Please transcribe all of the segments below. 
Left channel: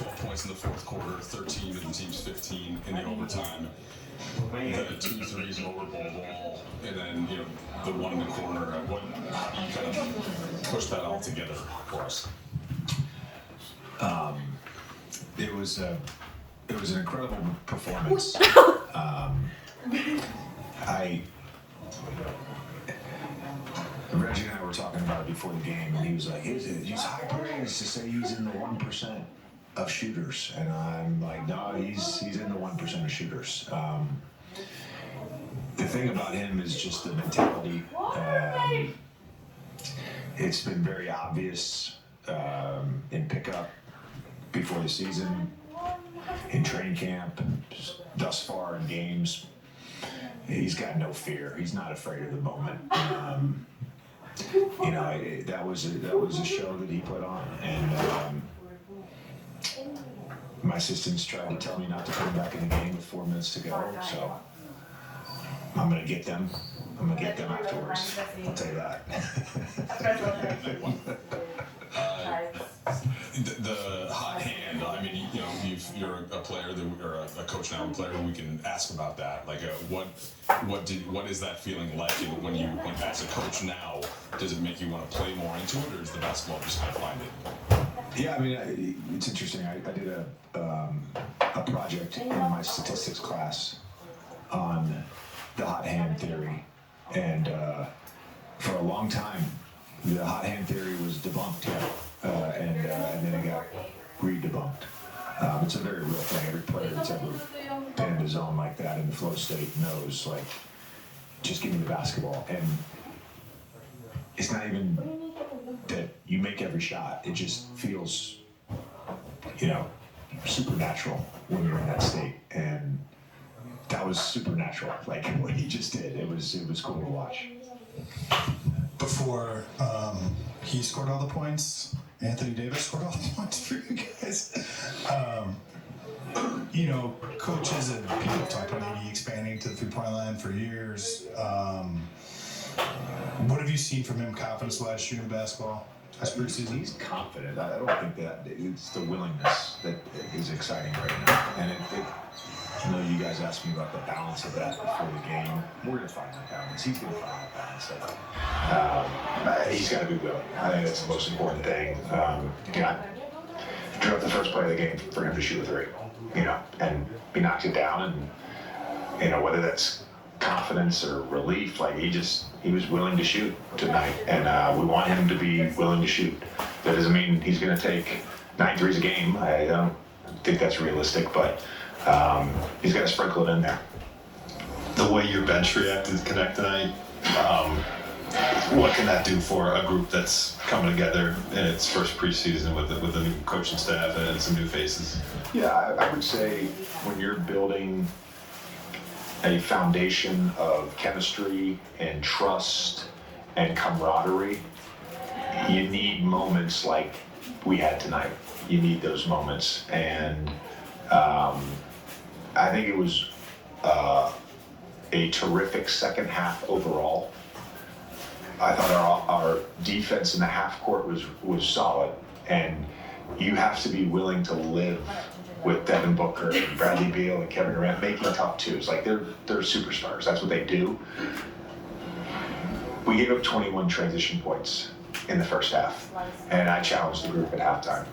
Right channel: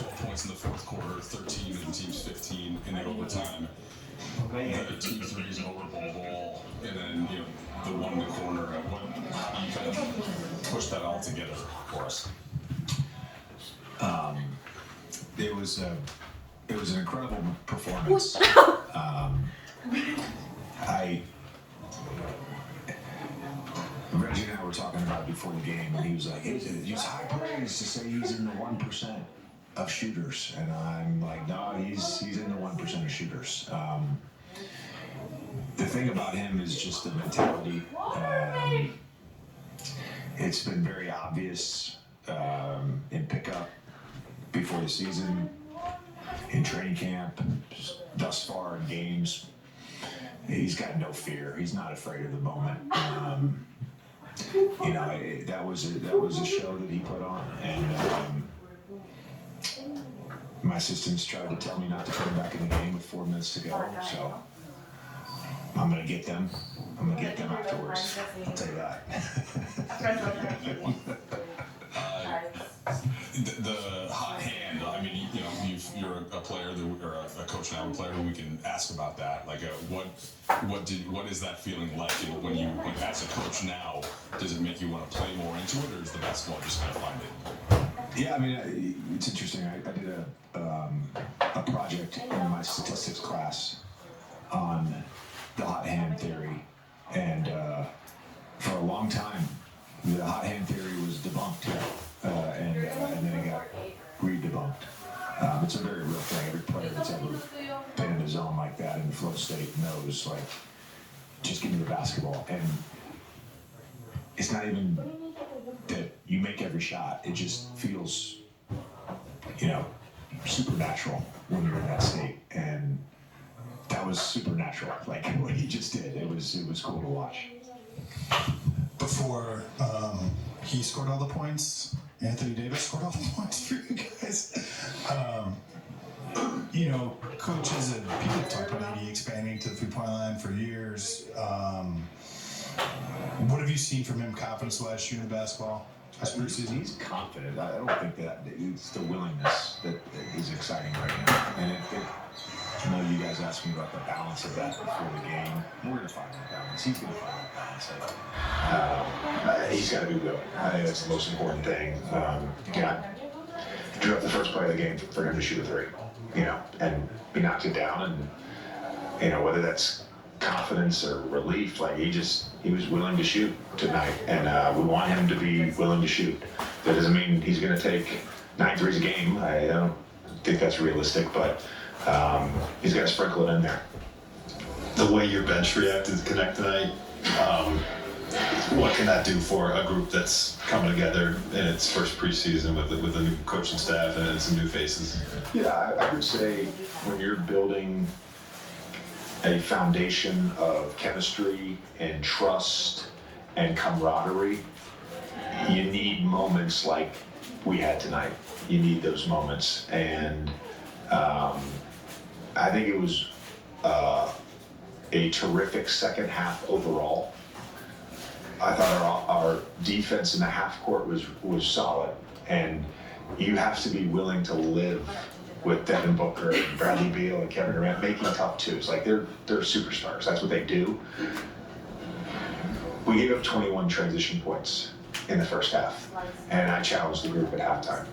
12 points in the fourth quarter, 13 to the team's 15 in the overtime. The 2 threes over ball, and then the one in the corner. What you kind of push that all together for us? It was an incredible performance. Reggie and I were talking about it before the game, and he was like, "It's high praise to say he's in the 1% of shooters," and I'm like, "No, he's in the 1% of shooters." The thing about him is just the mentality. It's been very obvious in pickup before the season, in training camp, thus far in games. He's got no fear. He's not afraid of the moment. That was a show that he put on, and my assistants tried to tell me not to put him back in the game with 4 minutes to go. So I'm gonna get them. I'm gonna get them afterwards. I'll tell you that. The hot hand. I mean, you're a player or a coach now, a player. We can ask about that. Like, what is that feeling like? When as a coach now, does it make you want to play more into it, or is the basketball just kind of find it? Yeah, I mean, it's interesting. I did a project in my statistics class on the hot hand theory, and for a long time, the hot hand theory was debunked. And then it got re-debunked. It's a very real thing. Every player that's ever been in a zone like that in the flow state knows, like, just give me the basketball. And it's not even that you make every shot. It just feels, supernatural when you're in that state. And that was supernatural. Like, what he just did. It was cool to watch. Before he scored all the points, Anthony Davis scored all the points for you guys. Coaches and people have talked about maybe expanding to the 3-point line for years. What have you seen from him confidence-wise shooting the basketball? He's confident. I don't think that it's the willingness that is exciting right now. And I know you guys asked me about the balance of that before the game. We're going to find that balance. He's going to find that balance. He's got to be willing. I think that's the most important thing. I drew up the first play of the game for him to shoot a 3, and he knocked it down. And, whether that's confidence or relief, like he was willing to shoot tonight. And we want him to be willing to shoot. That doesn't mean he's going to take 9 threes a game. I don't think that's realistic, but he's got to sprinkle it in there. The way your bench reacted to Connect tonight, what can that do for a group that's coming together in its first preseason with a new coaching staff and some new faces? Yeah, I would say when you're building a foundation of chemistry and trust and camaraderie, you need moments like we had tonight. You need those moments, and I think it was a terrific second half overall. I thought our defense in the half court was solid, and you have to be willing to live with Devin Booker and Bradley Beal and Kevin Durant making tough twos. Like, they're superstars. That's what they do. We gave up 21 transition points in the first half, and I challenged the group at halftime.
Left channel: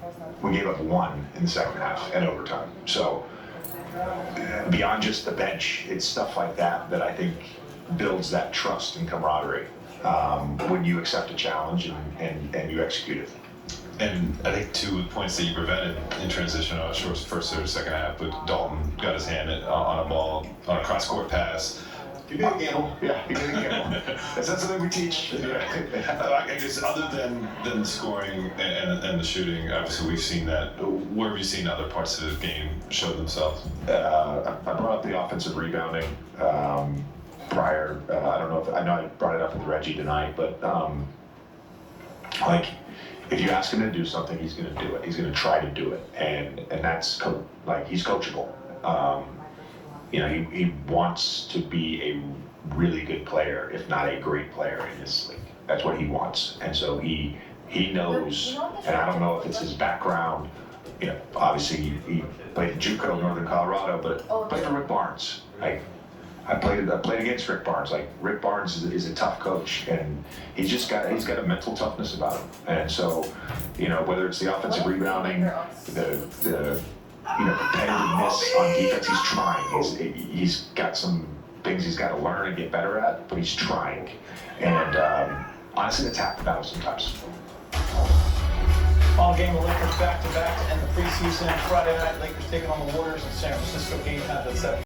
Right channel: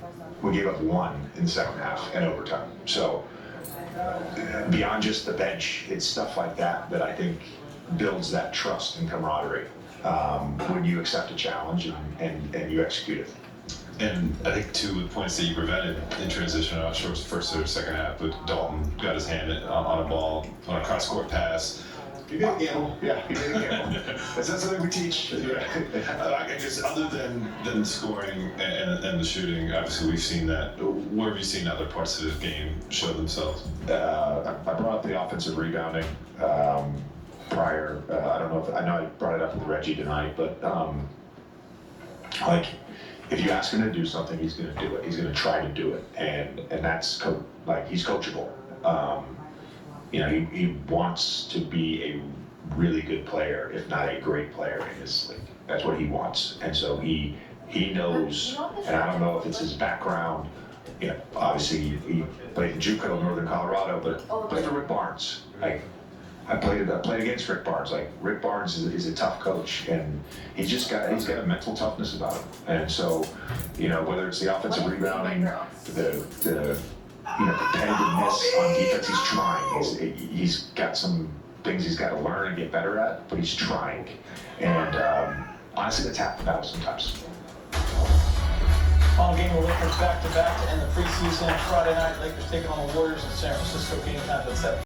We gave up 1 in the second half and overtime. So beyond just the bench, it's stuff like that I think builds that trust and camaraderie when you accept a challenge and you execute it. And I think 2 points that you prevented in transition, I'm not sure it was first or second half, but Dalton got his hand on a ball, on a cross-court pass. You did a gamble. Yeah, you did a gamble. That's not something we teach. I guess other than scoring and the shooting, obviously we've seen that. Where have you seen other parts of the game show themselves? I brought up the offensive rebounding prior. I don't know I know I brought it up with Reggie tonight, but if you ask him to do something, he's going to do it. He's going to try to do it, and that's he's coachable. He wants to be a really good player, if not a great player in this league. That's what he wants, and so he knows. And I don't know if it's his background you know, obviously he played in JUCO, Northern Colorado, but played for Rick Barnes. I played against Rick Barnes. Like, Rick Barnes is a tough coach, and he's got a mental toughness about him. And so, you know, whether it's the offensive rebounding, the competitiveness on defense, he's trying. He's got some things he's got to learn and get better at, but he's trying. And honestly, that's half the battle sometimes. Final game of Lakers back-to-back to end the preseason. Friday night, Lakers taking on the Warriors in San Francisco. Game time at 7.